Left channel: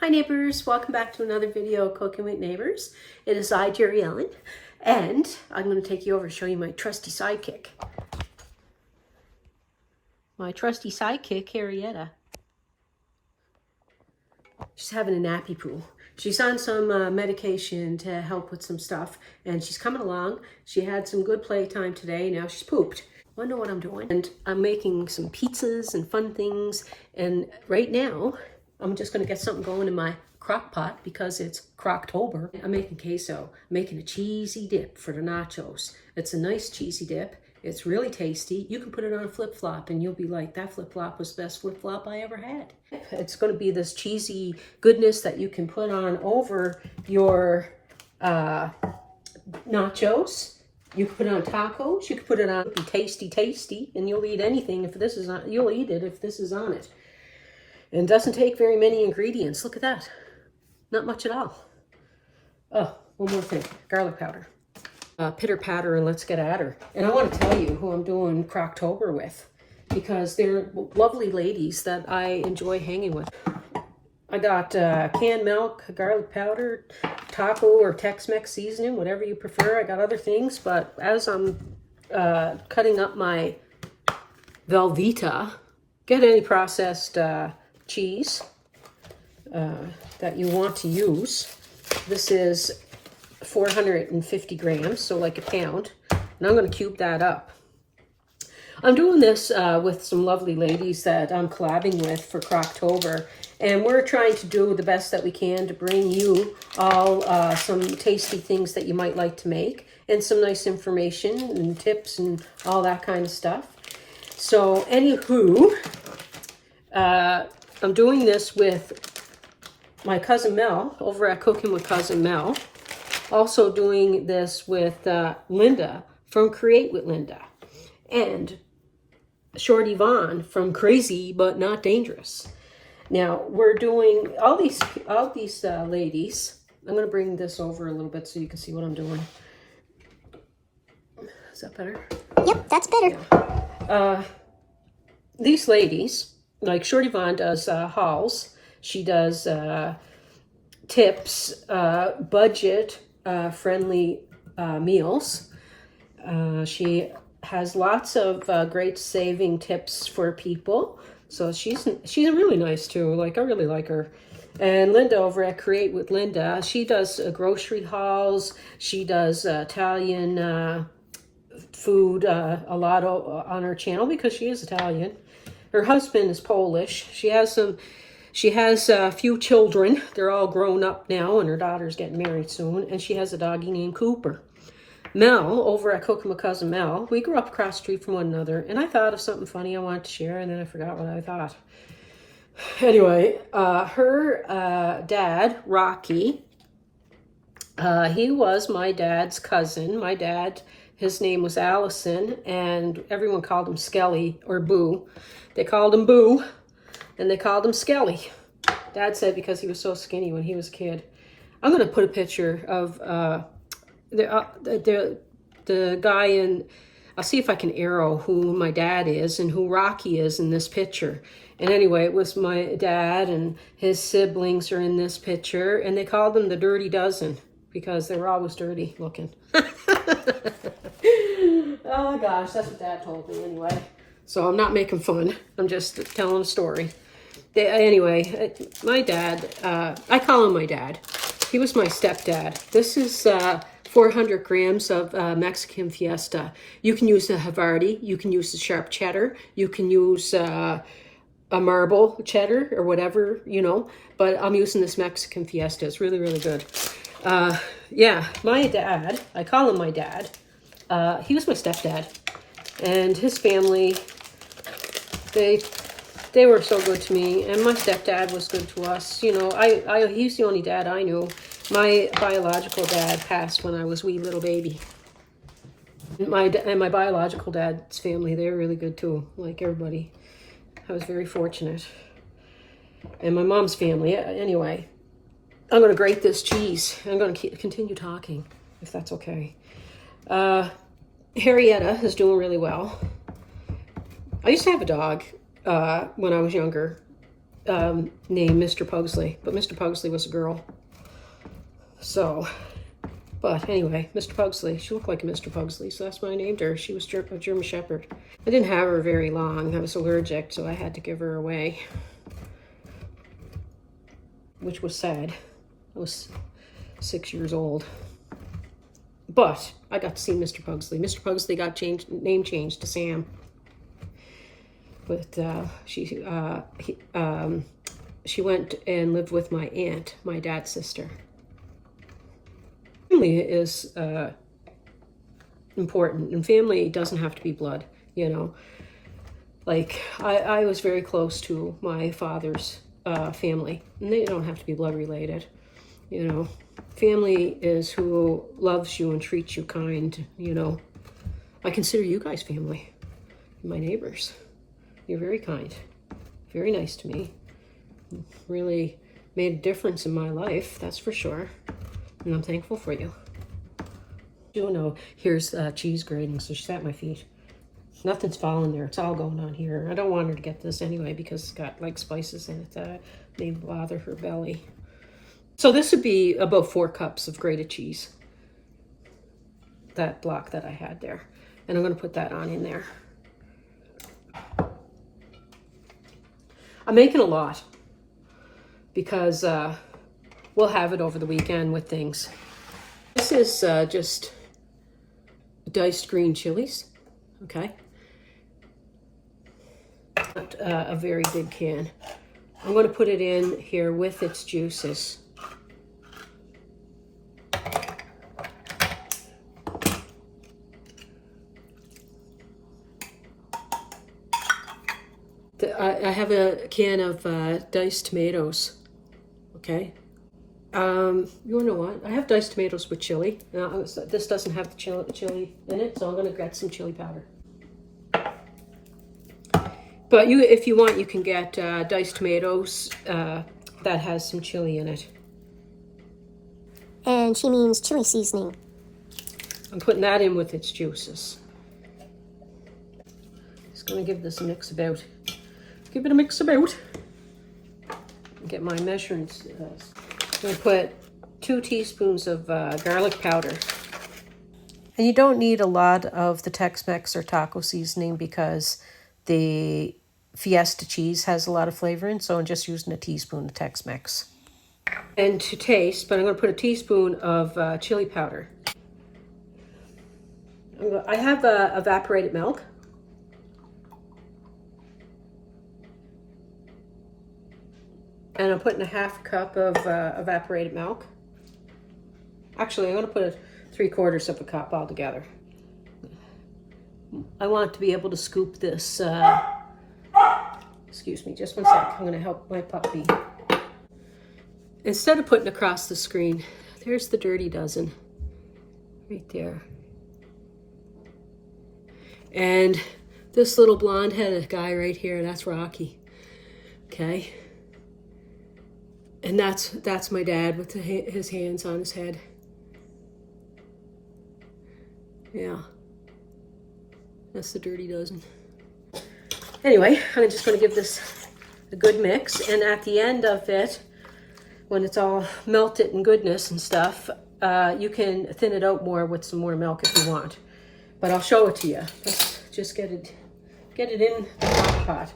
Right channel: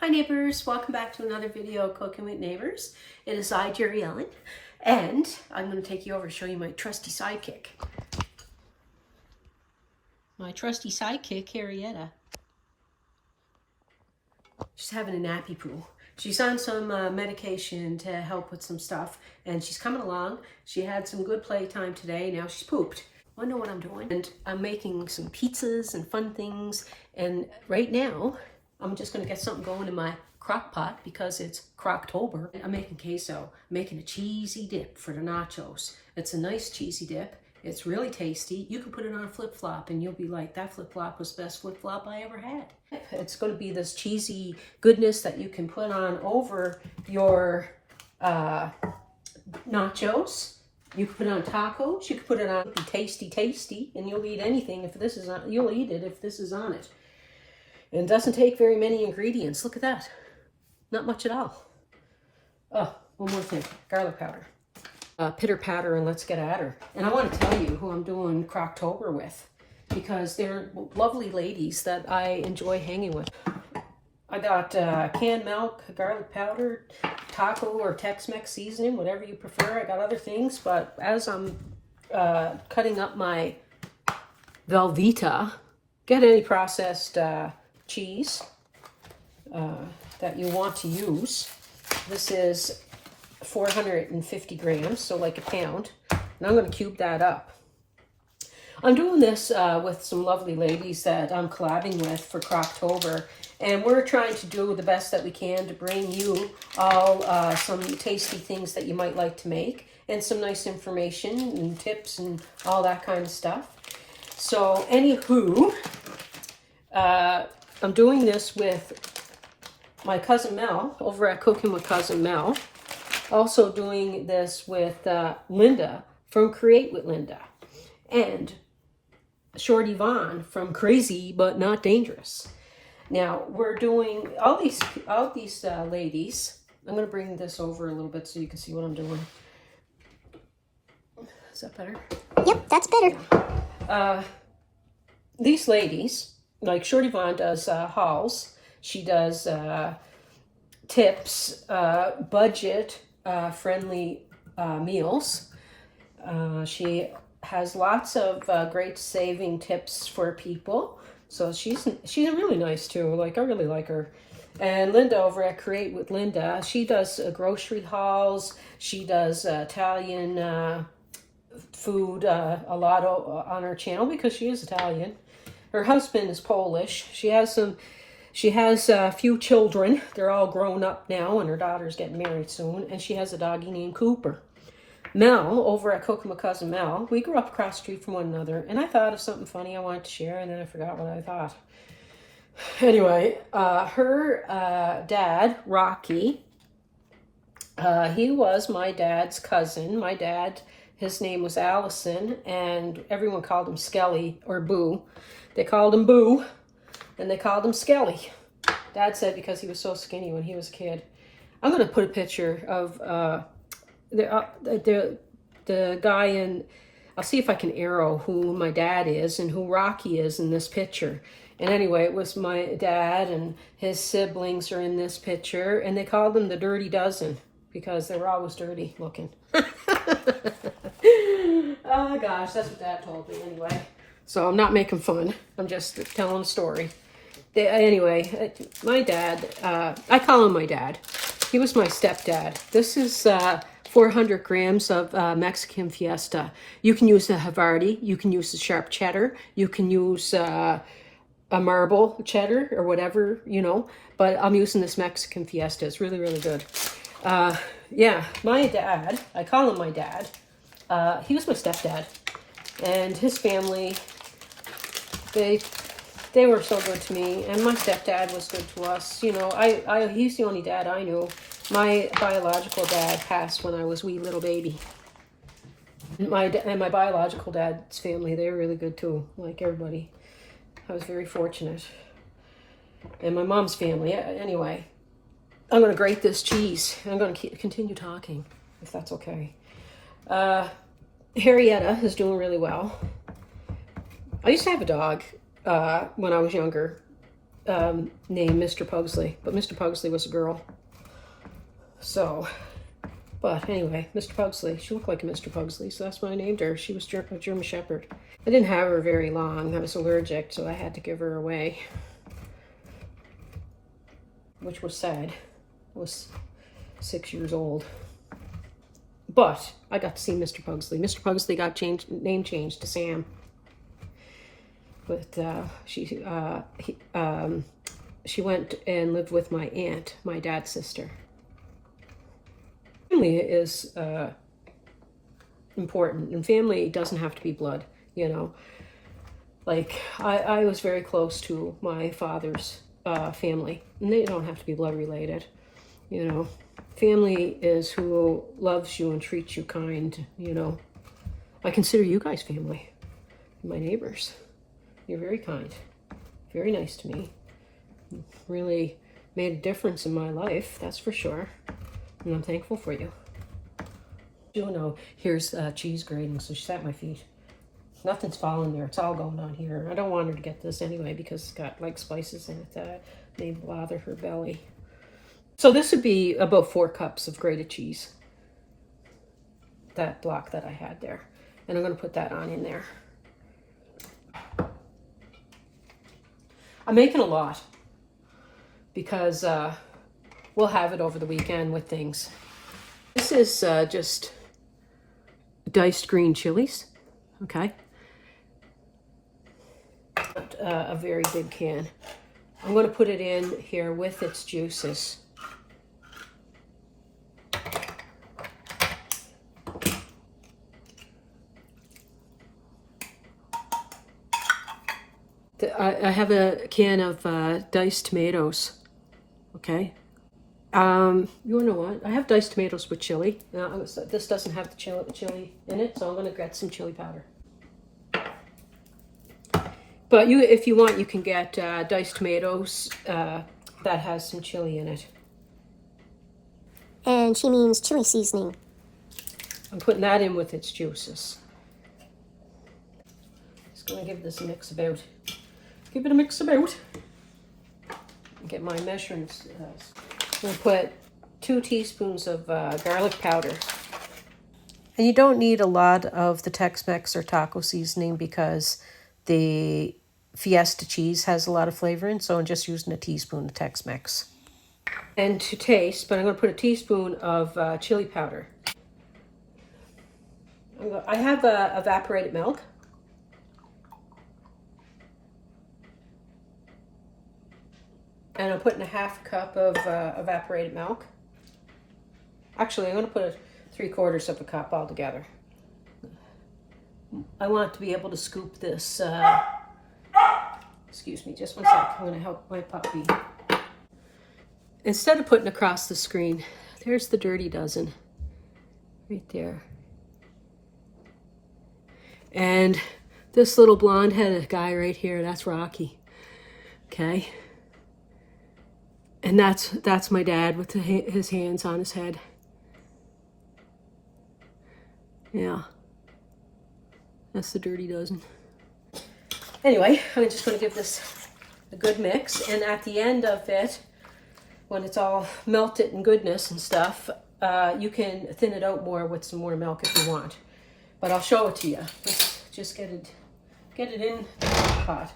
Hi neighbors, welcome back to another video of Cooking with Neighbors. It is I, Jerry Ellen, and I'm going to take you over and show you my trusty sidekick. My trusty sidekick, Harrietta. She's having a nappy poo. She's on some medication to help with some stuff, and she's coming along. She had some good playtime today, now she's pooped. I know what I'm doing, and I'm making some pizzas and fun things, and right now, I'm just going to get something going in my crock pot because it's Crocktober. I'm making queso. I'm making a cheesy dip for the nachos. It's a nice cheesy dip. It's really tasty. You can put it on a flip-flop and you'll be like, that flip-flop was the best flip-flop I ever had. It's going to be this cheesy goodness that you can put on over your nachos. You can put it on tacos. You can put it on tasty, and you'll eat anything if this is on. You'll eat it if this is on it. And it doesn't take very many ingredients. Look at that. Not much at all. Oh, one more thing. Garlic powder. Pitter patter and let's get at her. And I want to tell you who I'm doing Crocktober with, because they're lovely ladies that I enjoy hanging with. I got canned milk, garlic powder, taco or Tex-Mex seasoning, whatever you prefer. I got other things, but as I'm cutting up my Velveeta, get any processed cheese that you want to use. This is 450 grams, so like a pound, and I'm going to cube that up. I'm doing this with some lovely ladies that I'm collabing with for Crocktober, and we're trying to do the best that we can to bring you all some tasty things that you might like to make, and some nice information and tips and all that kind of stuff. So anywho, I'm doing this with my cousin Mel over at Cooking with Cousin Mel. Also doing this with Linda from Create with Linda. And Shorty Vaughn from Crazy But Not Dangerous. Now, we're doing all these ladies. I'm going to bring this over a little bit so you can see what I'm doing. Is that better? Yep, that's better. Yeah. These ladies, like Shorty Vaughn does hauls. She does tips, budget friendly meals. She has lots of great saving tips for people. So she's really nice too. Like, I really like her. And Linda over at Create with Linda, she does grocery hauls. She does Italian food a lot on her channel because she is Italian. Her husband is Polish. She has a few children. They're all grown up now, and her daughter's getting married soon. And she has a doggy named Cooper. Mel, over at Cooking with Cousin Mel, we grew up across the street from one another. And I thought of something funny I wanted to share, and then I forgot what I thought. Anyway, her dad, Rocky, he was my dad's cousin. My dad, his name was Allison, and everyone called him Skelly or Boo. They called him Boo, and they called him Skelly. Dad said because he was so skinny when he was a kid. I'm going to put a picture of the guy in, I'll see if I can arrow who my dad is and who Rocky is in this picture. And anyway, it was my dad and his siblings are in this picture, and they called them the Dirty Dozen because they were always dirty looking. Oh my gosh, that's what Dad told me anyway. So I'm not making fun. I'm just telling a story. Anyway, my dad, I call him my dad. He was my stepdad. This is 400 grams of Mexican Fiesta. You can use the Havarti. You can use the sharp cheddar. You can use a marble cheddar or whatever, you know. But I'm using this Mexican Fiesta. It's really, really good. Yeah, my dad, I call him my dad. He was my stepdad. And his family, they were so good to me, and my stepdad was good to us. You know, he's the only dad I knew. My biological dad passed when I was a wee little baby. And my biological dad's family, they were really good too, like everybody. I was very fortunate. And my mom's family, anyway. I'm going to grate this cheese. I'm going to continue talking, if that's okay. Harrietta is doing really well. I used to have a dog when I was younger. named Mr. Pugsley, but Mr. Pugsley was a girl. So, but anyway, Mr. Pugsley, she looked like a Mr. Pugsley, so that's why I named her. She was a German Shepherd. I didn't have her very long. I was allergic, so I had to give her away, which was sad. I was 6 years old. But I got to see Mr. Pugsley. Mr. Pugsley got name changed to Sam. But she went and lived with my aunt, my dad's sister. Family is important, and family doesn't have to be blood, you know. Like, I was very close to my father's family, and they don't have to be blood related, you know. Family is who loves you and treats you kind, you know. I consider you guys family, my neighbors. You're very kind, very nice to me. Really made a difference in my life, that's for sure. And I'm thankful for you. You know, here's cheese grating, so she's at my feet. Nothing's falling there, it's all going on here. I don't want her to get this anyway because it's got like spices in it that may bother her belly. So this would be about 4 cups of grated cheese. That block that I had there. And I'm gonna put that on in there. I'm making a lot because we'll have it over the weekend with things. This is just diced green chilies, okay? But, a very big can. I'm going to put it in here with its juices. I have a can of diced tomatoes, okay? You know what? I have diced tomatoes with chili. Now, this doesn't have the chili in it, so I'm going to get some chili powder. But if you want, you can get diced tomatoes that has some chili in it. And she means chili seasoning. I'm putting that in with its juices. Just going to give this a mix about. Give it a mix about. Get my measurements. I'm going to put 2 teaspoons of garlic powder. And you don't need a lot of the Tex-Mex or taco seasoning because the Fiesta cheese has a lot of flavor in, so I'm just using a teaspoon of Tex-Mex. And to taste, but I'm going to put a teaspoon of chili powder. I have evaporated milk. And I'm putting a 1/2 cup of evaporated milk. Actually, I'm going to put 3/4 of a cup altogether. I want to be able to scoop this. Excuse me, just one sec. I'm going to help my puppy. Instead of putting across the screen, there's the dirty dozen. Right there. And this little blonde-headed guy right here, that's Rocky. Okay? And that's my dad with his hands on his head. Yeah. That's the dirty dozen. Anyway, I'm just going to give this a good mix. And at the end of it, when it's all melted and goodness and stuff, you can thin it out more with some more milk if you want. But I'll show it to you. Let's just get it in the pot.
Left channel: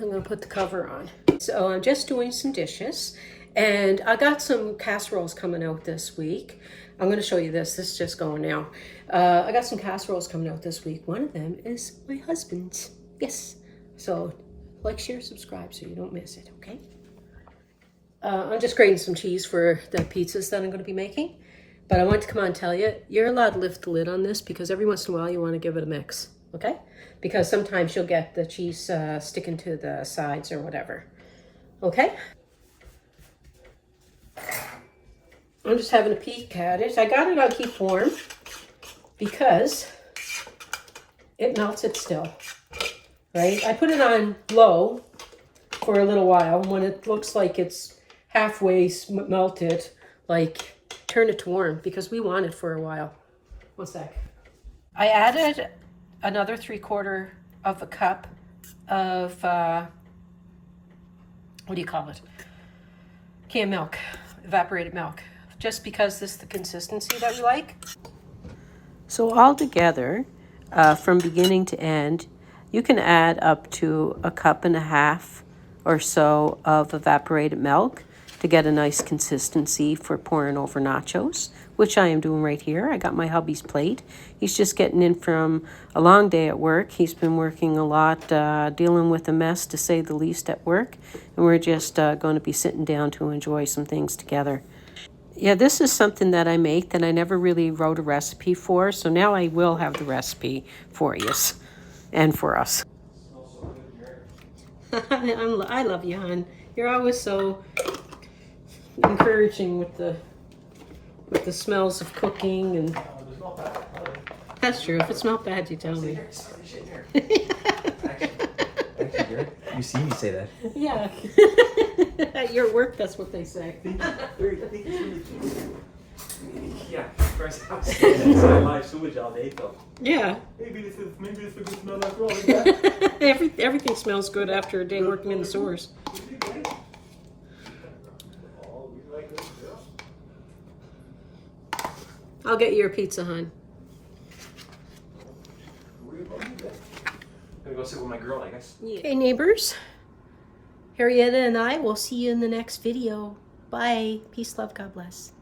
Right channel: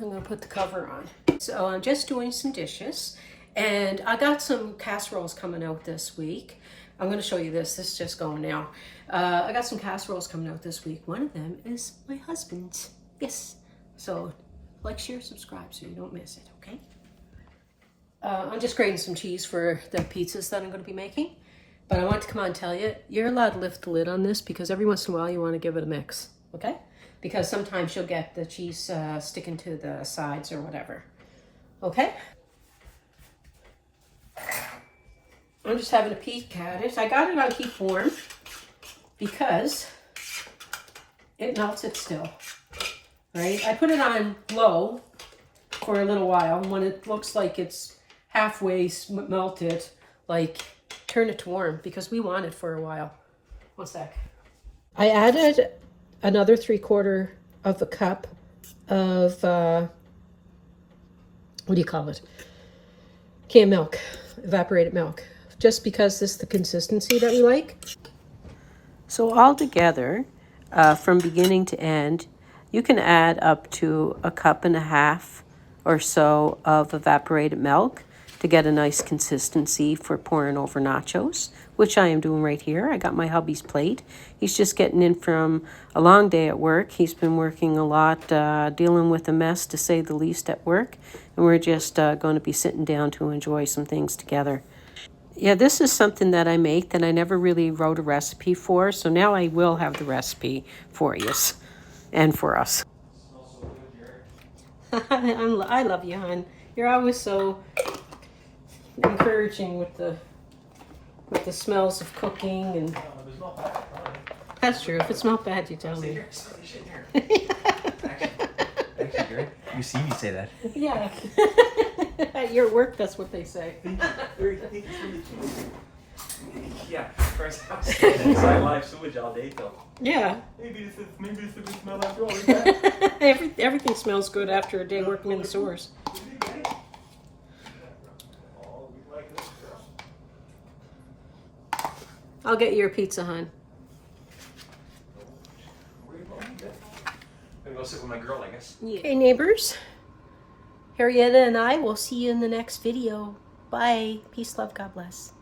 I'm going to put the cover on. So I'm just doing some dishes, and I got some casseroles coming out this week. I'm going to show you this. This is just going now. I got some casseroles coming out this week. One of them is my husband's. Yes. So like, share, subscribe so you don't miss it, okay? I'm just grating some cheese for the pizzas that I'm going to be making. But I want to come on and tell you, you're allowed to lift the lid on this because every once in a while you want to give it a mix, okay? Because sometimes you'll get the cheese sticking to the sides or whatever. Okay? I'm just having a peek at it. I got it on keep warm because it melts it still, right? I put it on low for a little while. When it looks like it's halfway melted, like, turn it to warm because we want it for a while. One sec. I added another 3/4 of a cup of, what do you call it? Canned milk, evaporated milk, just because this is the consistency that we like. So altogether, from beginning to end, you can add up to 1.5 cups or so of evaporated milk to get a nice consistency for pouring over nachos, which I am doing right here. I got my hubby's plate. He's just getting in from a long day at work. He's been working a lot, dealing with a mess to say the least at work, and we're just going to be sitting down to enjoy some things together. Yeah, this is something that I make that I never really wrote a recipe for, so now I will have the recipe for you and for us. I love you, hon. You're always so encouraging with the smells of cooking, and that's true. If it smells bad, you tell me. Actually, good. You see me say that. Yeah. At your work, that's what they say. Yeah, first house. Inside live sewage all day though. Yeah. Maybe this is a good smell after all. Everything smells good after a day working in the stores. I'll get you a pizza, hon. I'm gonna go sit with my girl, I guess. Okay, neighbors. Harrietta and I will see you in the next video. Bye. Peace, love, God bless.